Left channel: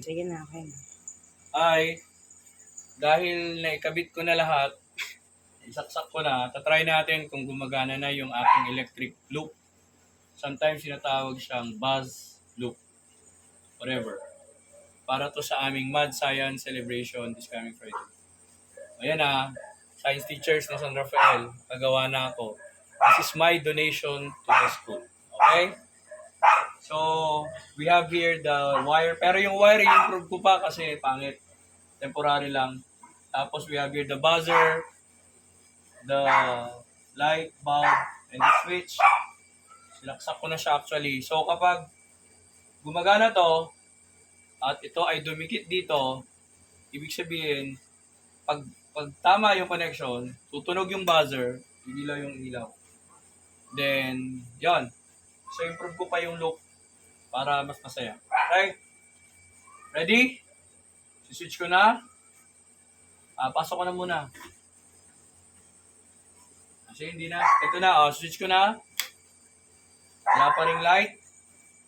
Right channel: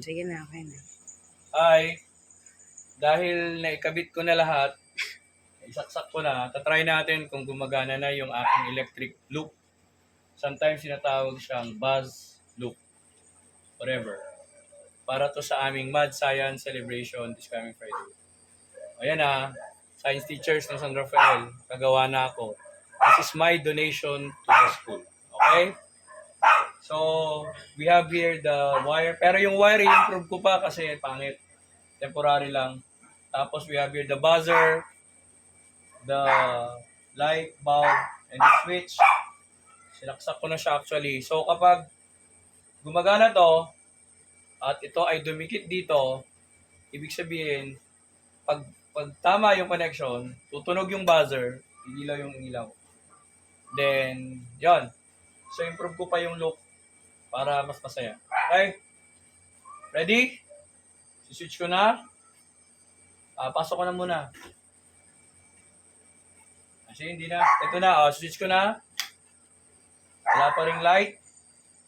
Sige na, okay na. Ay, dahil naikabit ko na lahat, isaksak ko na, tatry natin kung gumagana na yung aking electric loop. Sometimes sinatawag siyang buzz loop. Whatever. Para to sa aming Mad Science Celebration this coming Friday. Ayan na, Science Teachers ng San Rafael, kagawa na ako. This is my donation to the school. Okay? So, we have here the wire. Pero yung wire, i-improve ko pa kasi pangit. Temporary lang. Tapos we have here the buzzer, the light bulb, and the switch. Sinaksak ko na siya actually. So, kapag gumagana to, at ito ay dumikit dito, ibig sabihin, pag tama yung connection, tutunog yung buzzer, ilaw yung ilaw. Then, yon. So, improve ko pa yung loop para mas masaya. Okay? Ready? Switch ko na. Pasok ko na muna. Kasi hindi na. Ito na. Switch ko na. Wala pa ring light.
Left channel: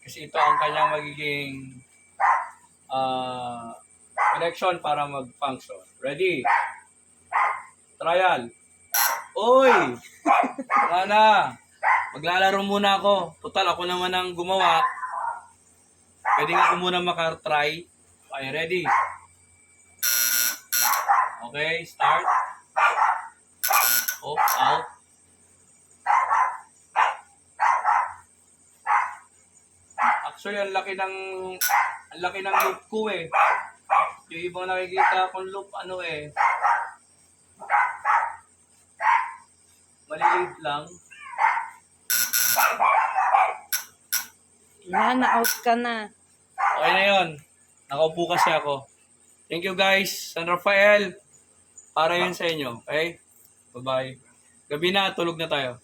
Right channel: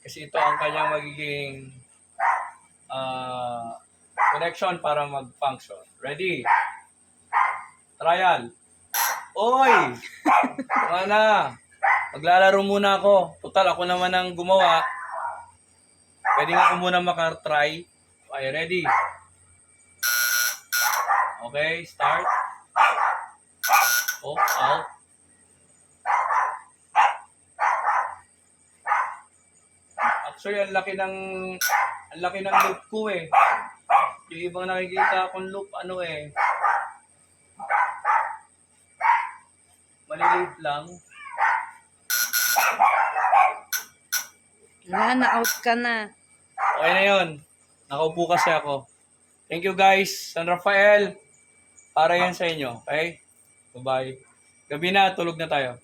Kasi ito ang kanyang magiging connection para mag-function. Ready? Trial. Oy! Tama na. Maglalaro muna ako. Total, ako naman ang gumawa. Pwede nga ako muna makatry. Okay, ready? Okay, start. Off, out. Actually, ang laki ng loop ko eh. Yung ibang nakikita akong loop, maliliit lang. Wala, na-out ka na. Okay na yun. Nakaupo kasi ako. Thank you guys. San Rafael. Para yan sa inyo. Okay? Bye-bye. Gabi na. Tulog na tayo.